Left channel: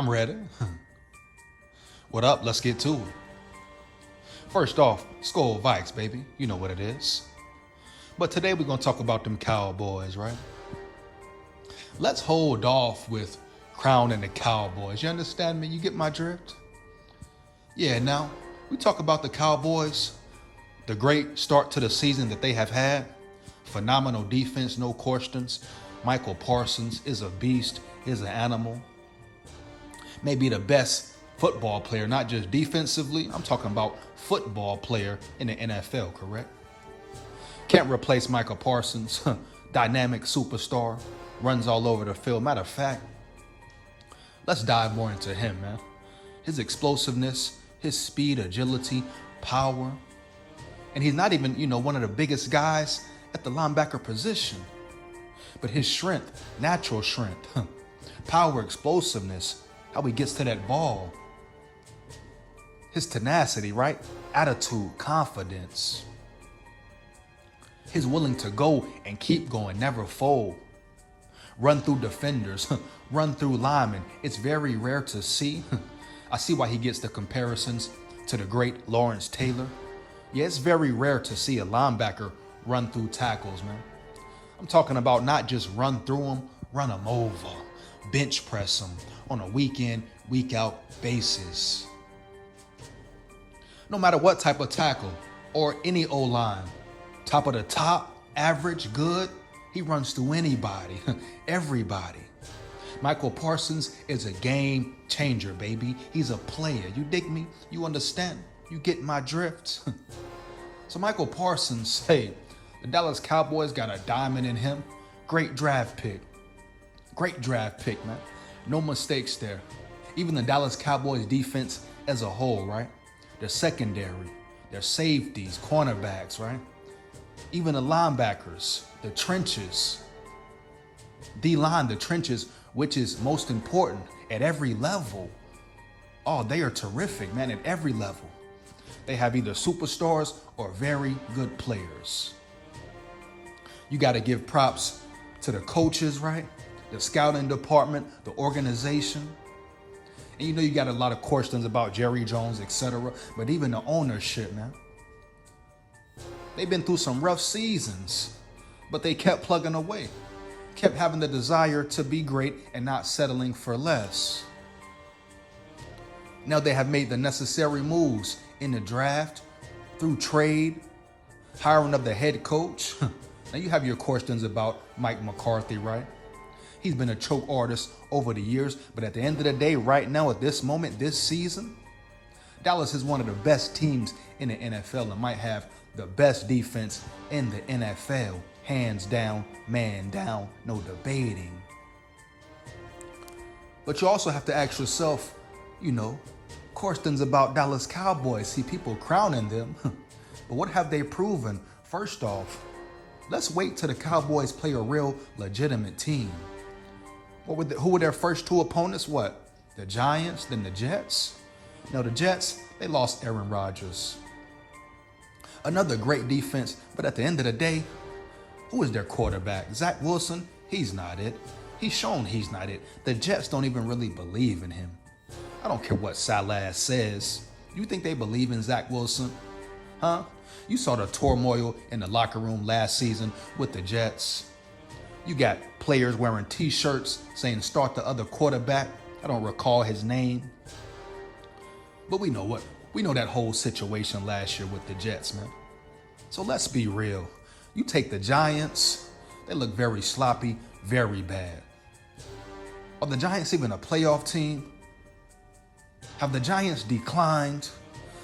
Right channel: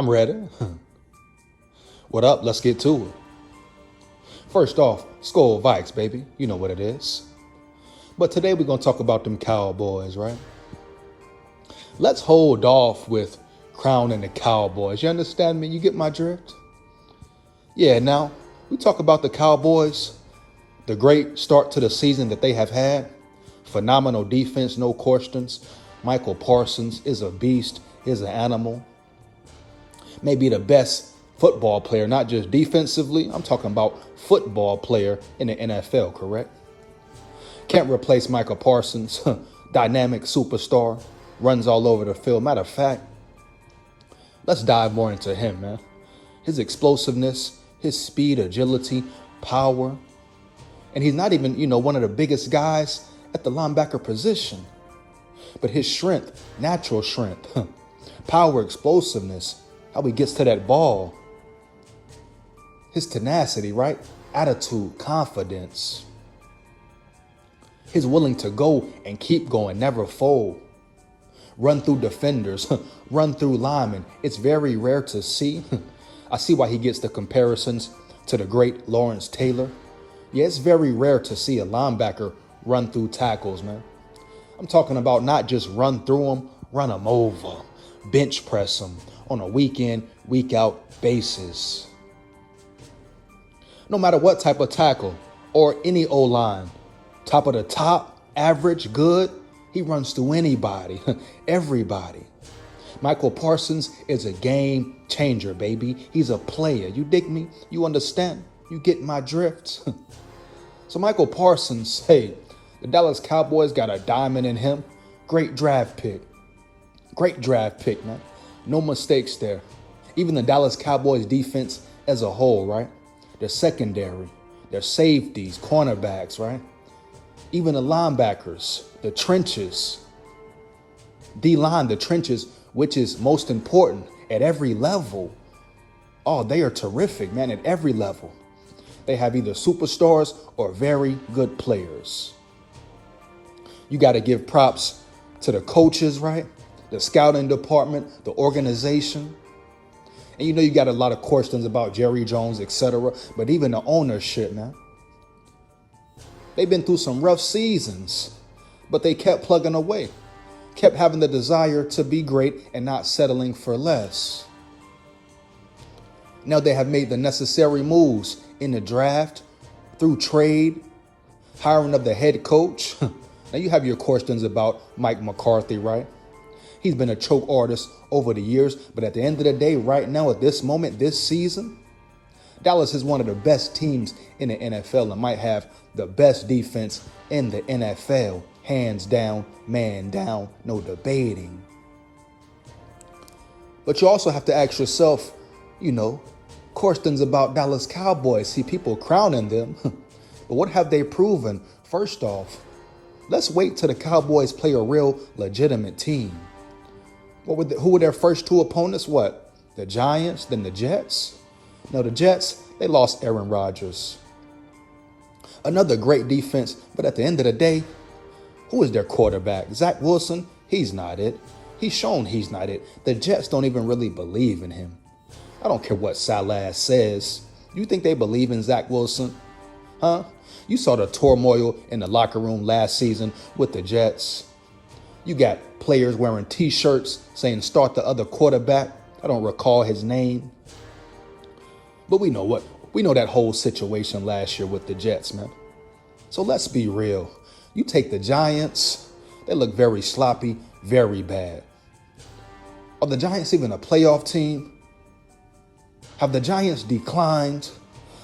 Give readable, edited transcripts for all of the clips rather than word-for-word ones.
I'm ready. What up? Let's get to it. First off, SKOL VIKES, baby. You know what it is. But today we're going to talk about them Cowboys, right? Let's hold off with crowning the Cowboys. You understand me? You get my drift? Yeah, now we talk about the Cowboys, the great start to the season that they have had. Phenomenal defense, no questions. Michael Parsons is a beast, is an animal. Maybe the best football player, not just defensively. I'm talking about football player in the NFL, correct? Can't replace Michael Parsons. Dynamic superstar, runs all over the field. Matter of fact, let's dive more into him, man. His explosiveness, his speed, agility, power. And he's not even, one of the biggest guys at the linebacker position. But his strength, natural strength, power, explosiveness, how he gets to that ball. His tenacity, right? Attitude, confidence. He's willing to go and keep going, never fold. Run through defenders, run through linemen. It's very rare to see. I see why he gets the comparisons to the great Lawrence Taylor. Yeah, it's very rare to see a linebacker run through tackles, man. I'm talking about not just run through them, run them over, bench press them on a week in, week out basis. No matter what type of tackle or any O-line, top of the top, average, good, he runs through anybody, everybody. Michael Parsons is a game changer, baby. He's a player. You dig me? You understand? You get my drift? So Michael Parsons, hey, the Dallas Cowboys got a diamond in him. Great draft pick. Great draft pick, man. No mistakes there. Even the Dallas Cowboys defense as a whole, right? Their secondary, their safeties, cornerbacks, right? Even the linebackers, the trenches. D-line, the trenches, which is most important at every level. Oh, they are terrific, man, at every level. They have either superstars or very good players. You got to give props to the coaches, right? The scouting department, the organization. And you got a lot of questions about Jerry Jones, etc. But even the ownership, man. They've been through some rough seasons, but they kept plugging away. Kept having the desire to be great and not settling for less. Now they have made the necessary moves in the draft, through trade, hiring of the head coach. Now you have your questions about Mike McCarthy, right? He's been a choke artist over the years, but at the end of the day, right now, at this moment, this season, Dallas is one of the best teams in the NFL and might have the best defense in the NFL. Hands down, man down, no debating. But you also have to ask yourself, questions about Dallas Cowboys. See people crowning them, but what have they proven? First off, let's wait till the Cowboys play a real legitimate team. Who were their first two opponents? What? The Giants, then the Jets? No, the Jets, they lost Aaron Rodgers. Another great defense, but at the end of the day, who is their quarterback? Zach Wilson? He's not it. He's shown he's not it. The Jets don't even really believe in him. I don't care what Salah says. You think they believe in Zach Wilson? Huh? You saw the turmoil in the locker room last season with the Jets. You got players wearing T-shirts saying start the other quarterback. I don't recall his name. But we know that whole situation last year with the Jets, man. So let's be real. You take the Giants, they look very sloppy, very bad. Are the Giants even a playoff team? Have the Giants declined?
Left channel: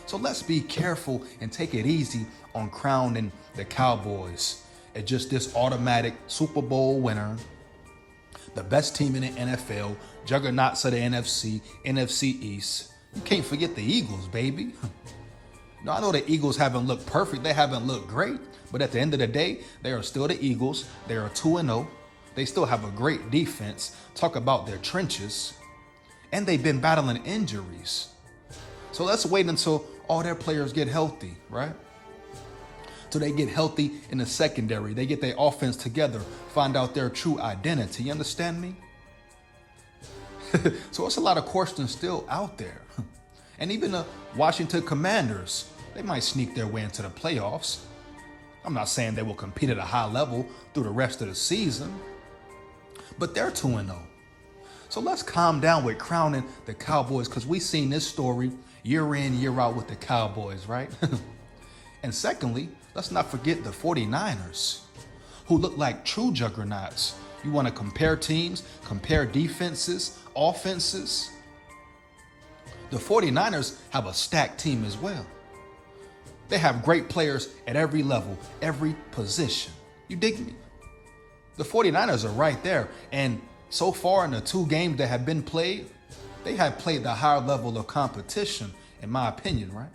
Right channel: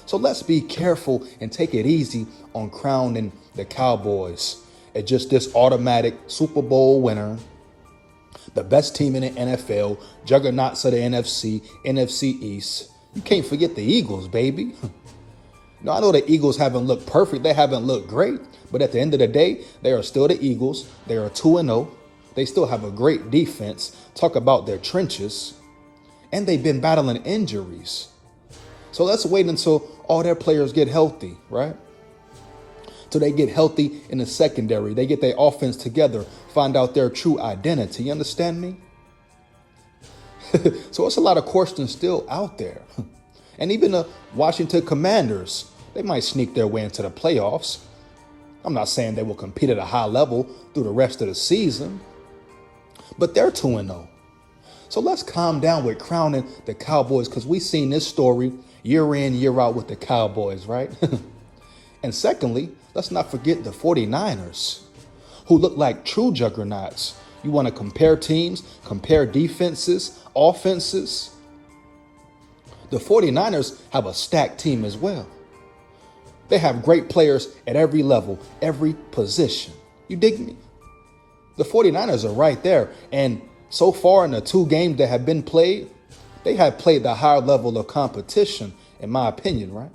So let's be careful and take it easy on crowning the Cowboys as just this automatic Super Bowl winner, the best team in the NFL, juggernauts of the NFC, NFC East. You can't forget the Eagles, baby. Now, I know the Eagles haven't looked perfect. They haven't looked great. But at the end of the day, they are still the Eagles. They are 2-0. They still have a great defense. Talk about their trenches. And they've been battling injuries. So let's wait until all their players get healthy, right? Till they get healthy in the secondary. They get their offense together, find out their true identity. You understand me? So it's a lot of questions still out there. And even the Washington Commanders, they might sneak their way into the playoffs. I'm not saying they will compete at a high level through the rest of the season, but they're 2-0. So let's calm down with crowning the Cowboys, because we've seen this story year in, year out with the Cowboys, right? And secondly, let's not forget the 49ers, who look like true juggernauts. You want to compare teams, compare defenses, offenses. The 49ers have a stacked team as well. They have great players at every level, every position. You dig me? The 49ers are right there. And so far in the 2 games that have been played, they have played the higher level of competition, in my opinion, right?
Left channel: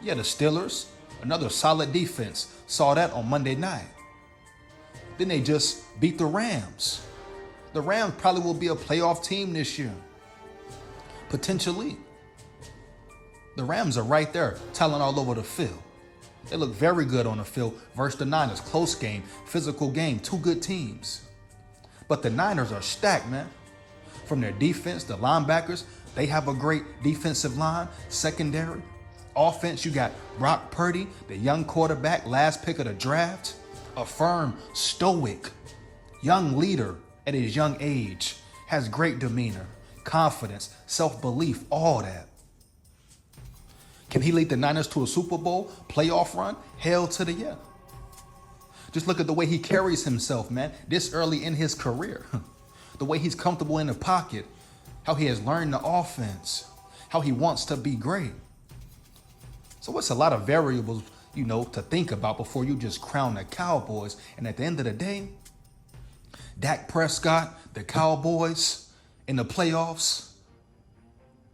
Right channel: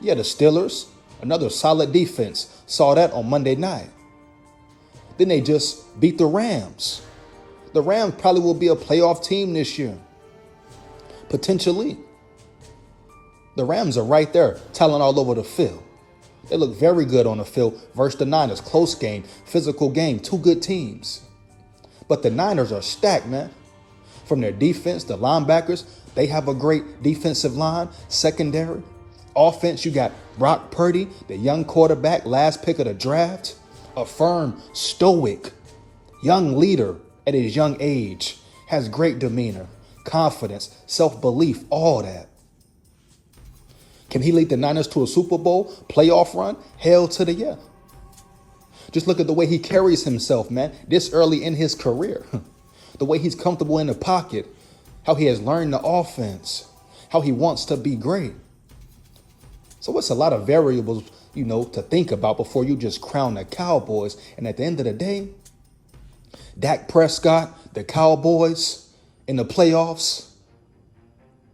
Yeah, the Steelers, another solid defense, saw that on Monday night. Then they just beat the Rams. The Rams probably will be a playoff team this year. Potentially. The Rams are right there, talent all over the field. They look very good on the field versus the Niners. Close game, physical game, 2 good teams. But the Niners are stacked, man. From their defense, the linebackers, they have a great defensive line, secondary. Offense, you got Brock Purdy, the young quarterback, last pick of the draft. A firm, stoic, young leader at his young age. Has great demeanor, confidence, self-belief, all that. Can he lead the Niners to a Super Bowl playoff run? Hell to the yeah. Just look at the way he carries himself, man, this early in his career. The way he's comfortable in the pocket, how he has learned the offense, how he wants to be great. So it's a lot of variables, to think about before you just crown the Cowboys. And at the end of the day, Dak Prescott, the Cowboys in the playoffs,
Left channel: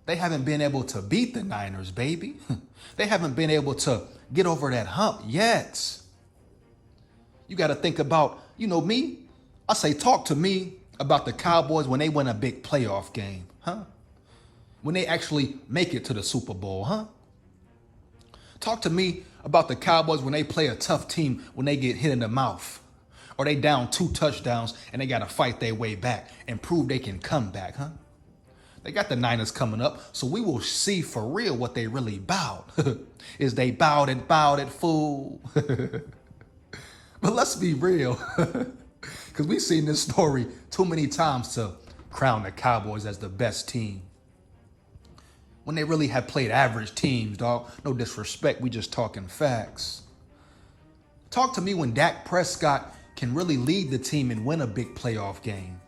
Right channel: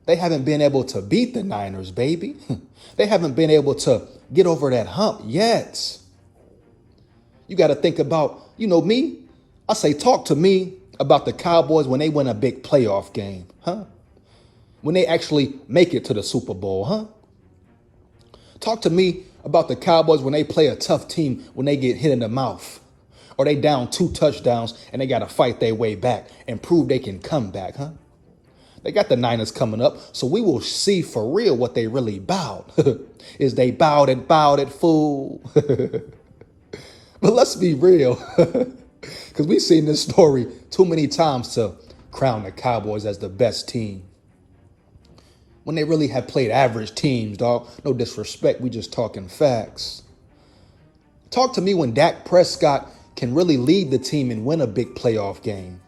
they haven't been able to beat the Niners, baby. They haven't been able to get over that hump yet. You got to think about, me. I say, talk to me about the Cowboys when they win a big playoff game, huh? When they actually make it to the Super Bowl, huh? Talk to me about the Cowboys when they play a tough team, when they get hit in the mouth, or they down 2 touchdowns and they got to fight their way back and prove they can come back, huh? They got the Niners coming up, so we will see for real what they really bowed. Is they bowed it, fool? But let's be real, because we've seen this story too many times to crown the Cowboys as the best team, when they really have played average teams, dog. No disrespect, we just talking facts. Talk to me when Dak Prescott can really lead the team and win a big playoff game.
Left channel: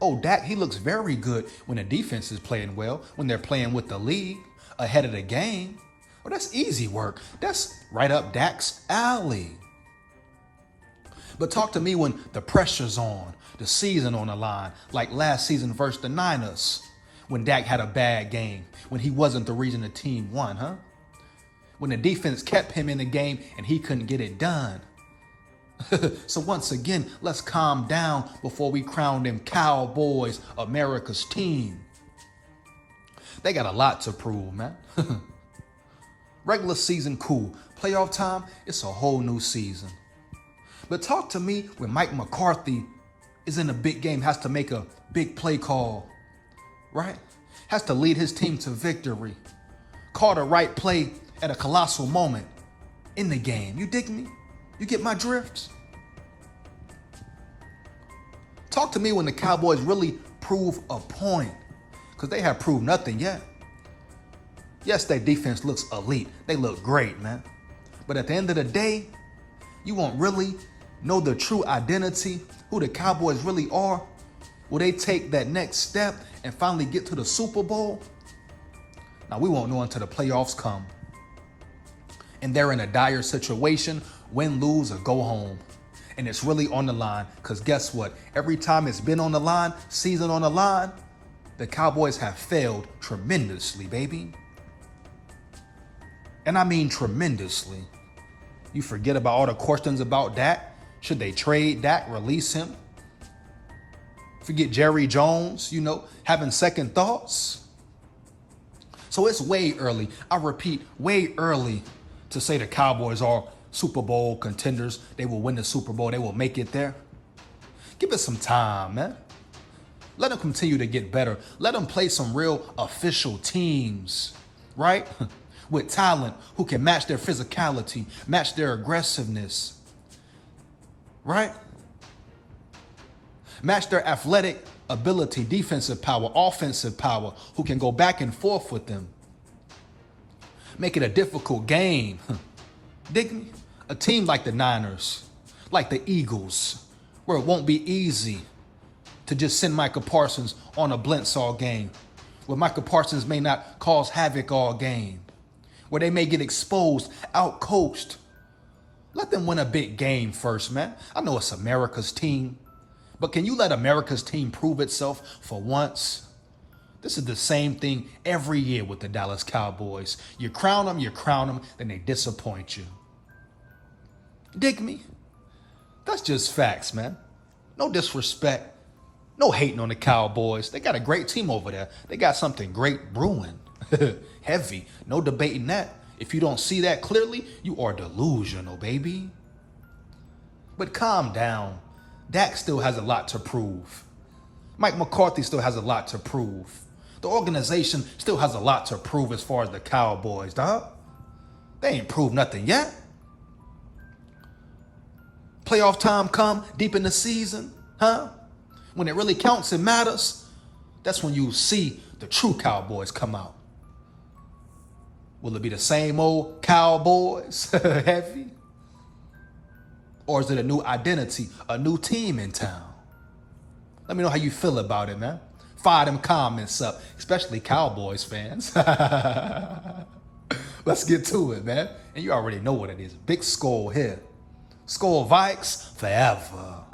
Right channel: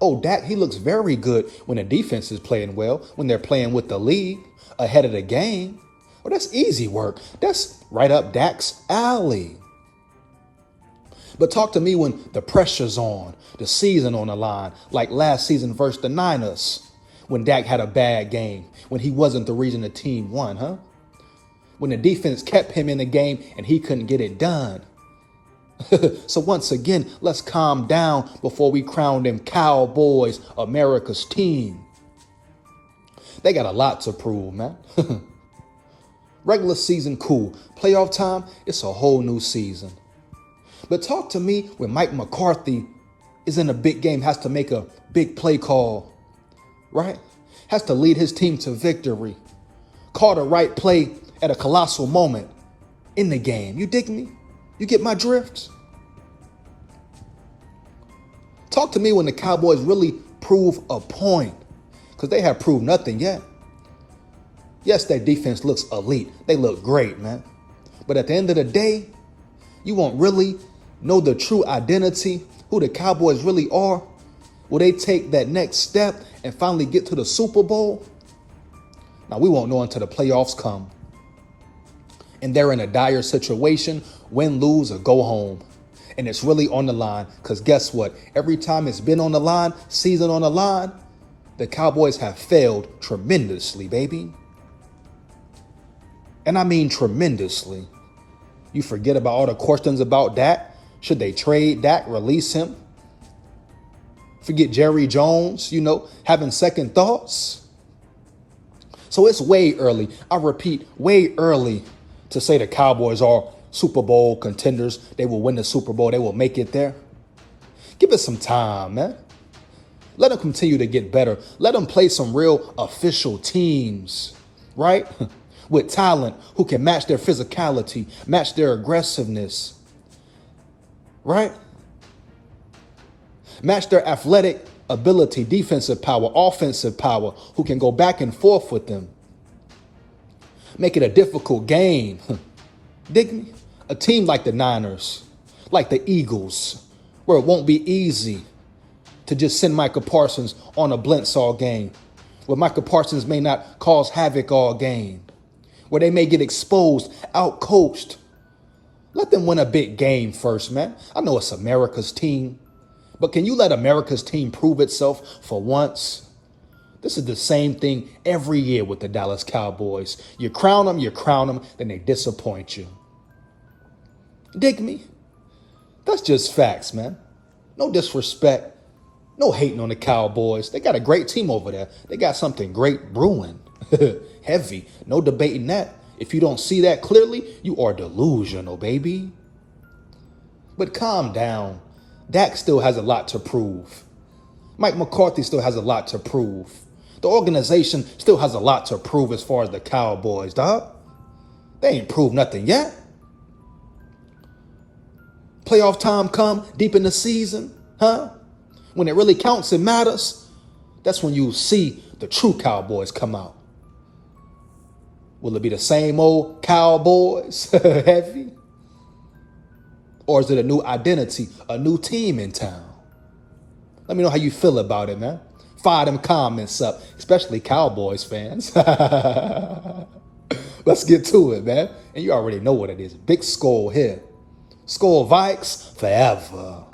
Oh, Dak, he looks very good when the defense is playing well, when they're playing with the lead, ahead of the game. Oh, that's easy work. That's right up Dak's alley. But talk to me when the pressure's on, the season on the line, like last season versus the Niners, when Dak had a bad game, when he wasn't the reason the team won, huh? When the defense kept him in the game and he couldn't get it done. So once again, let's calm down before we crown them Cowboys, America's team. They got a lot to prove, man. Regular season, cool. Playoff time, it's a whole new season. But talk to me when Mike McCarthy is in a big game, has to make a big play call, right? Has to lead his team to victory. Call the right play at a colossal moment in the game. You dig me? You get my drift? Talk to me when the Cowboys really prove a point, because they have proved nothing yet. Yes, their defense looks elite. They look great, man. But at the end of the day, you won't really know the true identity, who the Cowboys really are. Will they take that next step and finally get to the Super Bowl? Now, we won't know until the playoffs come. And they're in a dire situation, win, lose, or go home. And it's really on the line, because guess what? Every time it's been on the line, season on the line, the Cowboys have failed tremendously, baby. And I mean tremendously. You forget about all the questions about Dak. Should they trade Dak, release him? Forget Jerry Jones, having second thoughts. So it's way early. I repeat, way early to say the Cowboys are Super Bowl contenders. They will win the Super Bowl. They will make it there. Give it some time, man. Let them continue to get better. Let them play some real official teams, right? With talent who can match their physicality, match their aggressiveness, right? Match their athletic ability, defensive power, offensive power, who can go back and forth with them. Make it a difficult game. Dig me? A team like the Niners, like the Eagles, where it won't be easy to just send Micah Parsons on a blitz all game, where Micah Parsons may not cause havoc all game, where they may get exposed, outcoached. Let them win a big game first, man. I know it's America's team, but can you let America's team prove itself for once? This is the same thing every year with the Dallas Cowboys. You crown them, then they disappoint you. Dig me? That's just facts, man. No disrespect. No hating on the Cowboys. They got a great team over there. They got something great brewing. Heavy. No debating that. If you don't see that clearly, you are delusional, baby. But calm down. Dak still has a lot to prove. Mike McCarthy still has a lot to prove. The organization still has a lot to prove as far as the Cowboys, dog. They ain't proved nothing yet. Playoff time come deep in the season, huh? When it really counts and matters, that's when you see the true Cowboys come out. Will it be the same old Cowboys, heavy? Or is it a new identity, a new team in town? Let me know how you feel about it, man. Fire them comments up, especially Cowboys fans. Let's get to it, man. And you already know what it is. Big Skol here. Skol Vikes forever.